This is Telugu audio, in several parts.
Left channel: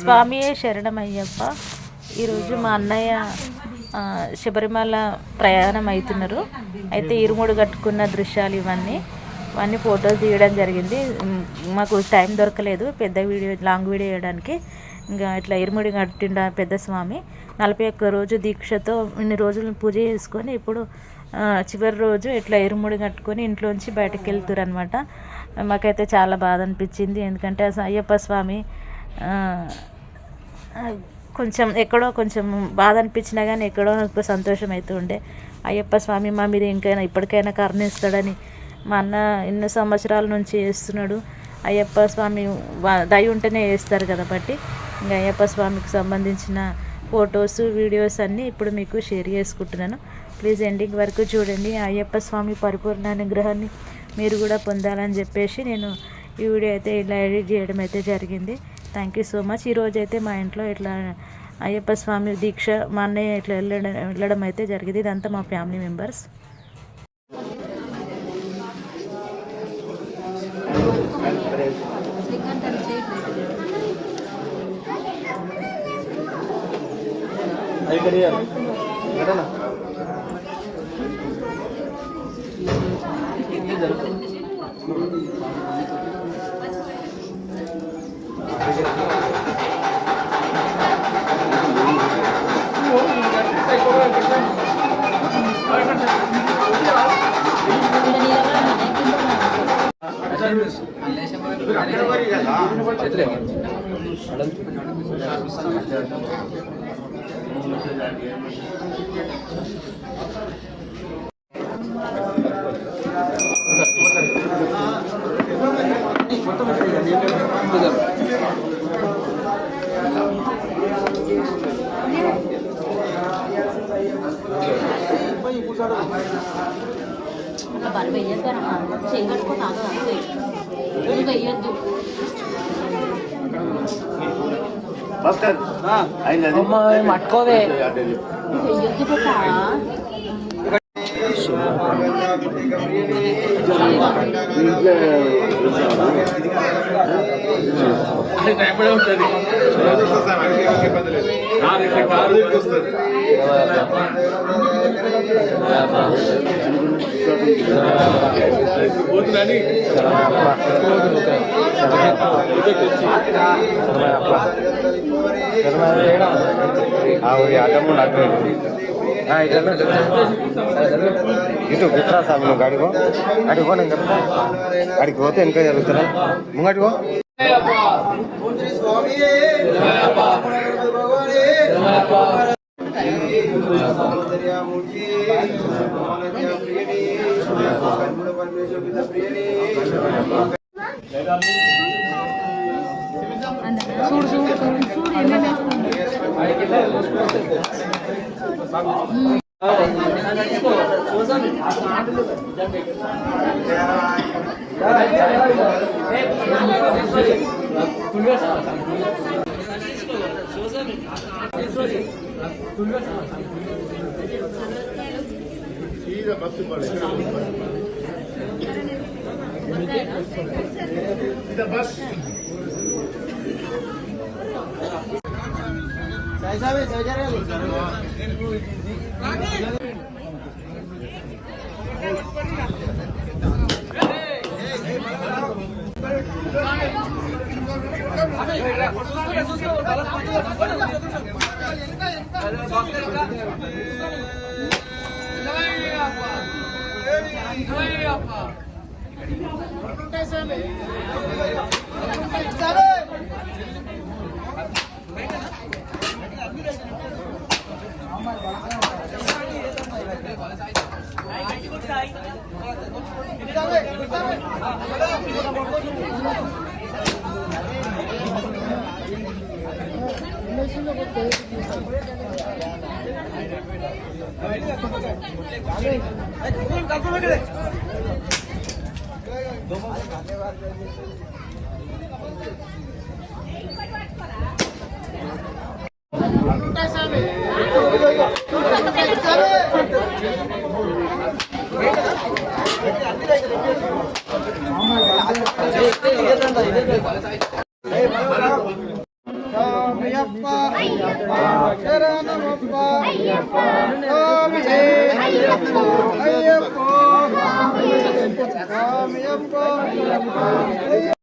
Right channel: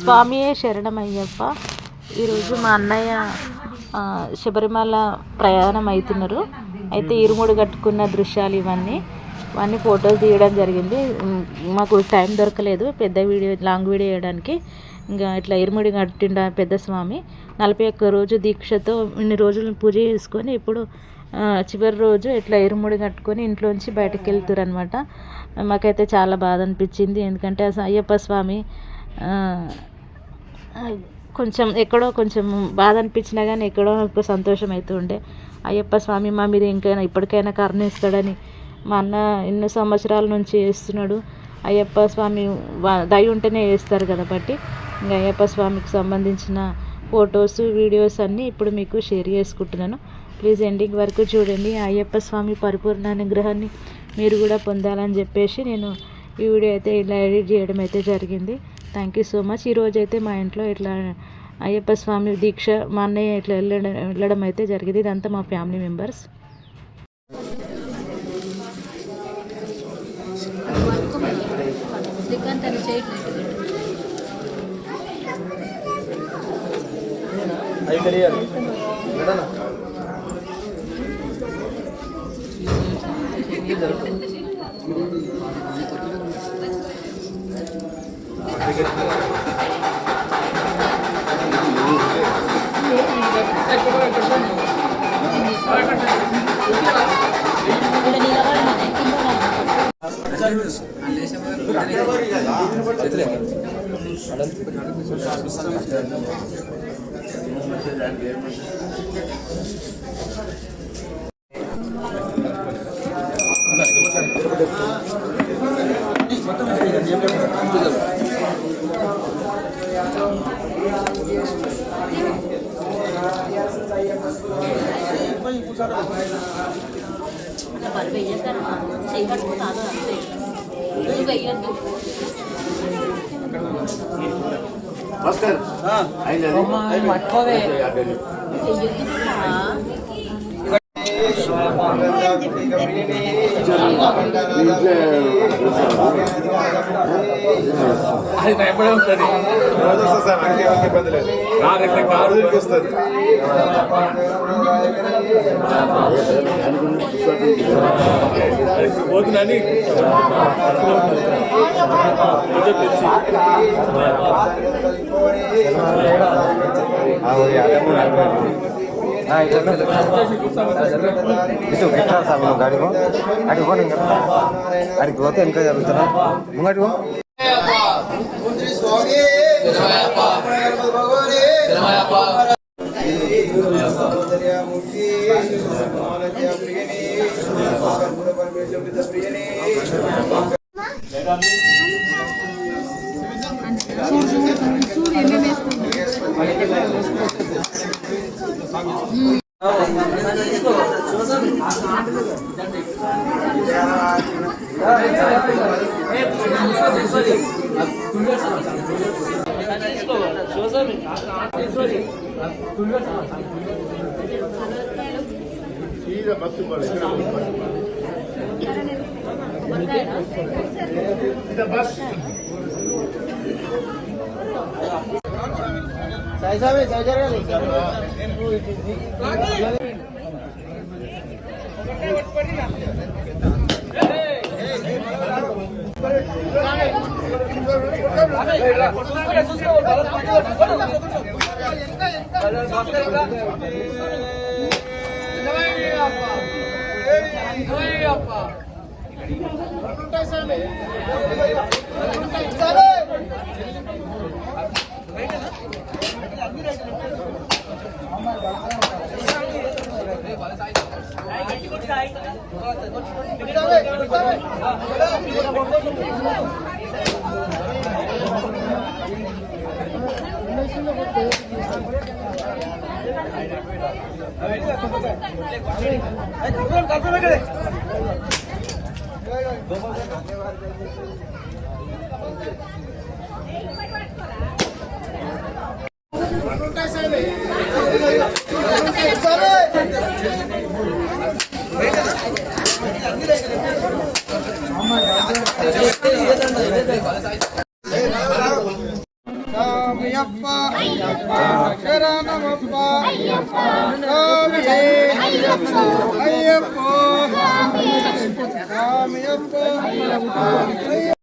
స్వామి శరణమయ్యప్ప. ఈరోజు మా అన్నయ్య శబరిమల ప్రయాణం అవుతున్నారు. అయితే ఇరుముడు కట్టుకున్న దృశ్యాలు ఇవన్నీ ఫొటోస్ తీయడం జరిగింది. మాకు టైం దొరకలేదు పెద్ద వీడియో, లాంగ్ వీడియో వేయడానికి. ఇంకా ఇట్లా ఇరుముడి కట్టిండ పెద్ద స్వామి 41 రోజు దీక్షతో ఇన్ని రోజులు పూజ చేసుకొని ఇప్పుడు చివరి రోజు ఇట్లా ఇరుముడి కట్టుకొని ఇంట్లోంచి బయటకు వెళ్తారు అనమాట. మాకైతే చాలా బాధ అనిపించింది. ఎందుకంటే అయ్యప్ప స్వామి కొంచెం బాధ అనిపించినా కానీ ఎక్కడో నాకు సంతోషం అవుతూ ఉండే. అయ్యప్ప స్వామి మా మీద ఇప్పటికైనా కరుణిస్తాడని మా అన్న ఎన్నో సంవత్సరాల నుంచి చేస్తున్నాడు. అయ్యప్ప స్వామి దయ ఉంటేనే చేస్తారు కాబట్టి ఇంకా అయ్యప్ప స్వామికి సంబంధించిన ఫొటోస్, వీడియోస్ అన్నీ ఇప్పుడు మీకు షేర్ చేసుకుంటున్నాను. ప్లీజ్ ఎండింగ్ వరకు చూడండి. అయ్యప్ప స్వామి పరిపూర్ణ అనుగ్రహాన్ని మీరు కూడా పొందాలని చెప్పేసి నేను ఈ వీడియో అయితే ఇలా ఎడిట్ చేయడం అయితే జరిగింది. Thank you so much. ఈరోజు అయితే మా ఇంట్లో ఇట్లా అయ్యప్ప స్వామి దీక్ష మా అన్నయ్య ఇట్లా వెళ్ళడం అయితే జరిగింది. ఇదంతా మా ఫ్యామిలీ మెంబర్స్. ఎప్పుడే ఉంటుంది ఇబ్బంది లేదు. వస్తుంది పోతుందని ఇటు గిట్రా సార్ నువ్వు గాడిపో అడిగో నేను చెప్తా. అడిగి పోతే ఇంకా జరుగుతున్నా ముంగడిగో. శరణమప్ప శరణమప్ప స్వామియే అయ్యప్పో స్వామియప్పో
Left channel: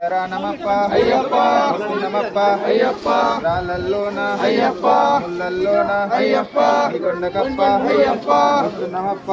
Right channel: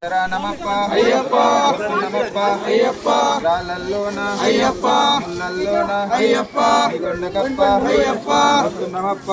శరణమప్ప అయ్యప్ప నమప్ప అయ్యప్ప రాళ్ళల్లోన అయ్యప్ప ముళ్ళల్లోన అయ్యప్ప కొండకప్ప అయ్యప్ప నమప్ప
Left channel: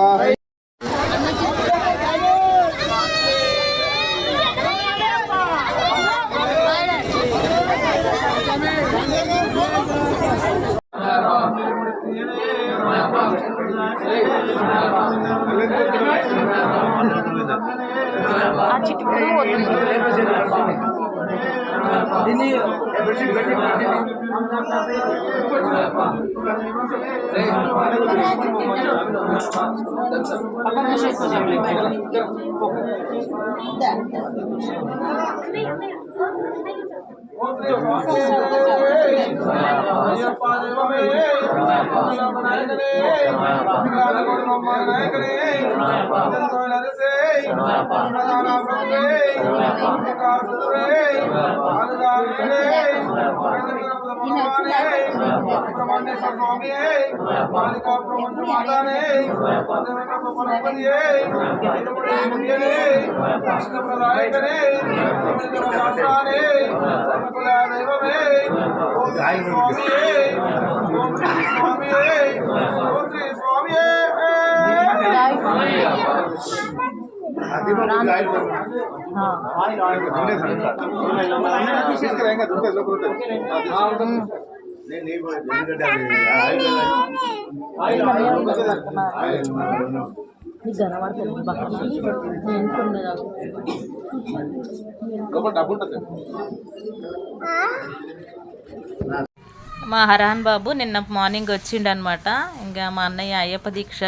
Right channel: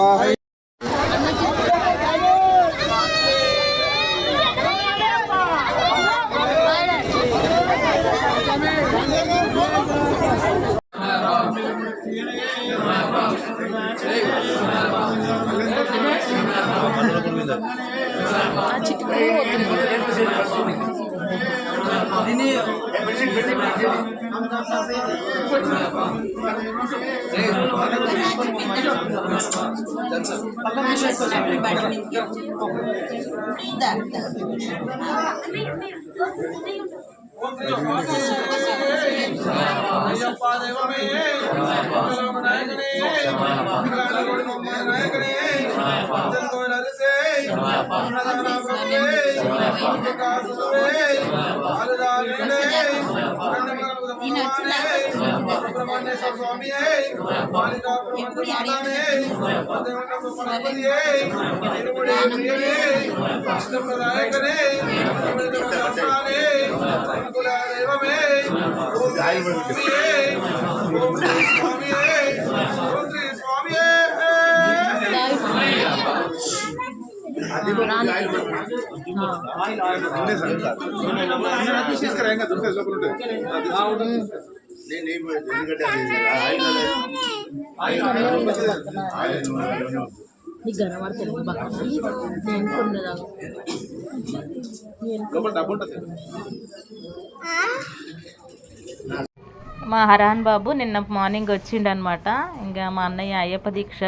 మా హరాన్ బాబు నిన్న మార్నింగ్ వచ్చిండనమాట. ఇంకా మా అన్నయ్య అయ్యప్ప దీక్ష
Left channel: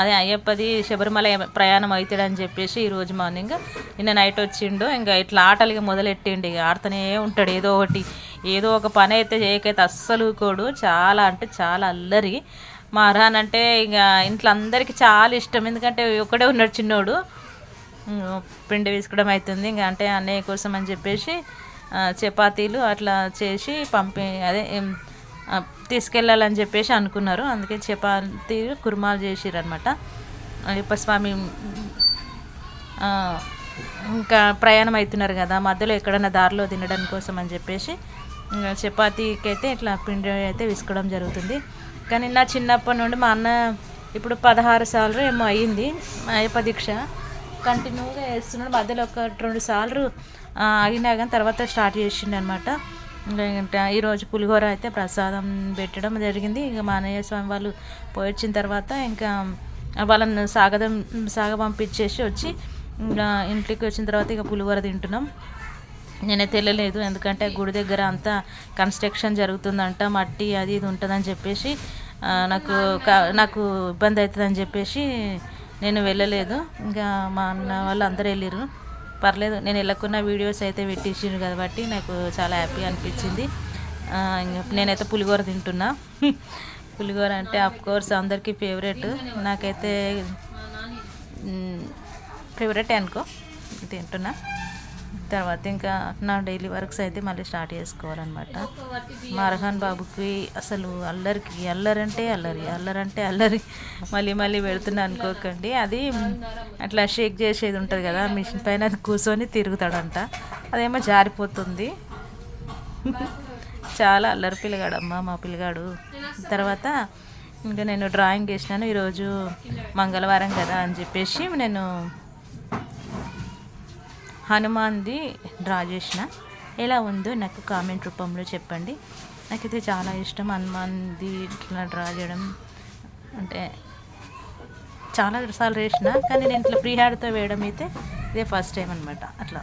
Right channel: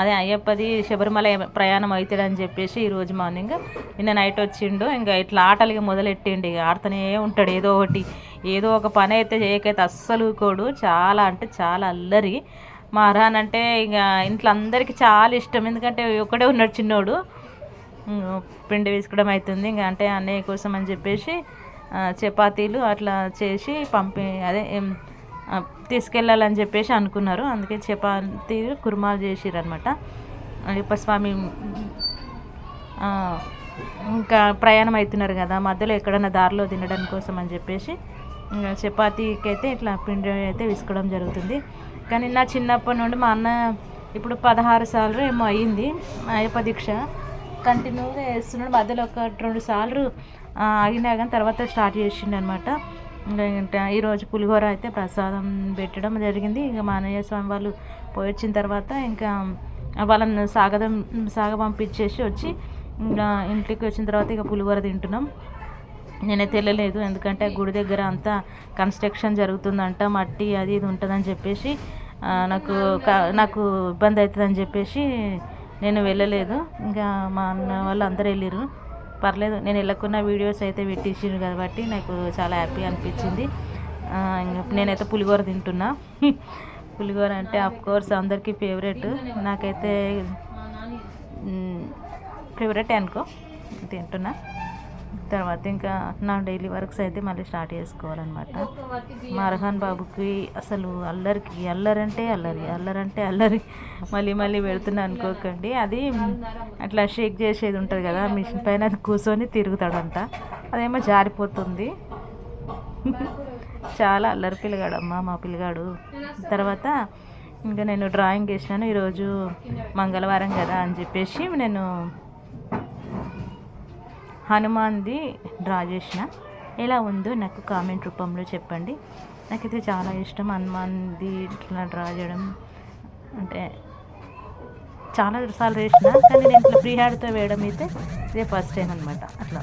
అదే అయ్యప్పది శబరిమల ప్రయాణం అవుతాడని చెప్పేసి ఈరోజు మార్నింగ్ నిన్న నైట్ వచ్చిండు. ఇంకా ఇట్లా ఆటలుగా మొదలెట్టిండు. ఇక ఆడుతూనే ఉంటాడు ఏదో ఒకటి, ఏదో ఒక పని అయితే చేయకైతే అస్సలు కోడు. చాలా అంటే చాలా అల్లరి. మా హరాన్ అంటే ఇక ఇంట్లో అందరికీ చాలా ఇష్టం. ఎందుకంటే ఒకడే ఉన్నాడు చిన్నోడు. పిండి వేసుకోవడం అవుతుంది ఇంకా అంటే అన్నయ్య కోసం అని చెప్పేసి చపాతీలు అట్లా చేసి తీసుకెళ్ళాలని చెప్పేసి అనుకున్నారు. అందుకే చపాతీలు కుర్మాలు చేసిర్రు అనమాట. అయ్యప్ప స్వామి ఇంకా ప్రయాణం అవుతున్నారు కదా, మధ్యలో ఎక్కడన్నా దారిలో తినడం కోసం అని చెప్పేసి చపాతీకి అయితే ఇట్లా పిండి అయితే విసుకోవడం జరుగుతుంది. కానీ నా చిన్నప్పటి నుండి మా అన్న ఇప్పుడు 16 సార్లు ఏమో అయ్యింది అయ్యప్ప దీక్ష కంటిన్యూగా వేస్తున్నాడు. మధ్యలో ఒక 2 సార్లు ఆగినా కానీ తర్వాత స్టార్ట్ చేసిండు అనమాట. ఇంకా ఈరోజు పులిహోర అయితే ప్రసాదం పెట్టడం జరిగింది. ఇక మా అన్నయ్య స్వామి వాళ్ళు పోయి వచ్చిన తర్వాత ఇంకా వాళ్ళని సాగ పంపించేసి వచ్చి ఇంకా ఇంటికి వచ్చిన తర్వాత ఇక పులిహోర తింటున్నాం. నేనైతే వెళ్ళలేదు, ఎందుకంటే గుడి దగ్గర అంతా కన్స్ట్రక్షన్ జరుగుతుందంట, మట్టి అది ఇది ఉంటుందని చెప్పేసి నాకు ఇబ్బంది అవుతుందని చెప్పేసి నేను వెళ్ళలేదు. ఇంకా మా అన్న వాళ్ళు అందరూ వెళ్ళారు. పర్లేదు, నేను వెళ్ళకున్న వీడియోస్ అయితే పెట్టేసారు కాబట్టి నాకు చాలా హ్యాపీ అనిపించింది. ఇంకా నేనైతే పులిహోర తింటున్నా. పులిహోర అంటే అఫ్కోర్స్ అందరికీ ఫేవరెట్, నాకైతే ఫేవరెట్ అనుకో, తింటున్నా. తర్వాత ఇంకా నా డైలీ వర్క్స్ అయితే మళ్ళీ స్టార్ట్ చేసుకోవాలన్నమాట. మా అర్హాన్ బాబుకి అసలు అల్లరంటే అల్లరి మళ్ళీ పెడుతున్నా అనుకోకండి. అది అట్లా షేక్ చేసేది ఉంటుంది కదా మిషన్ పైన, అది కూర్చొని తిరుగుతాడంట, అదేమో జారిపోతుంది. చాలా అల్లరి పిల్లగాడమ్మా మా పిల్లగాడు. తర్వాత ఇంకా నేను డ్రాయింగ్ వేసినాను. ఈరోజు మంగళవారం కదా అని చెప్పేసి నేను హనుమాన్ది డ్రా చేసిన. ఎలా ఉందో నాకు కామెంట్ రూపంలో చెప్పండి. నాకైతే చాలా ఇష్టం హనుమాన్ది ఇట్లా డ్రా చేయడం. అంటే చాలా సార్లు వేసిన, కానీ నేను ఇట్లా ఫ్రీ హ్యాండ్తో వేయడం అయితే ఇదే ఫస్ట్ టైం అనమాట. అట్లా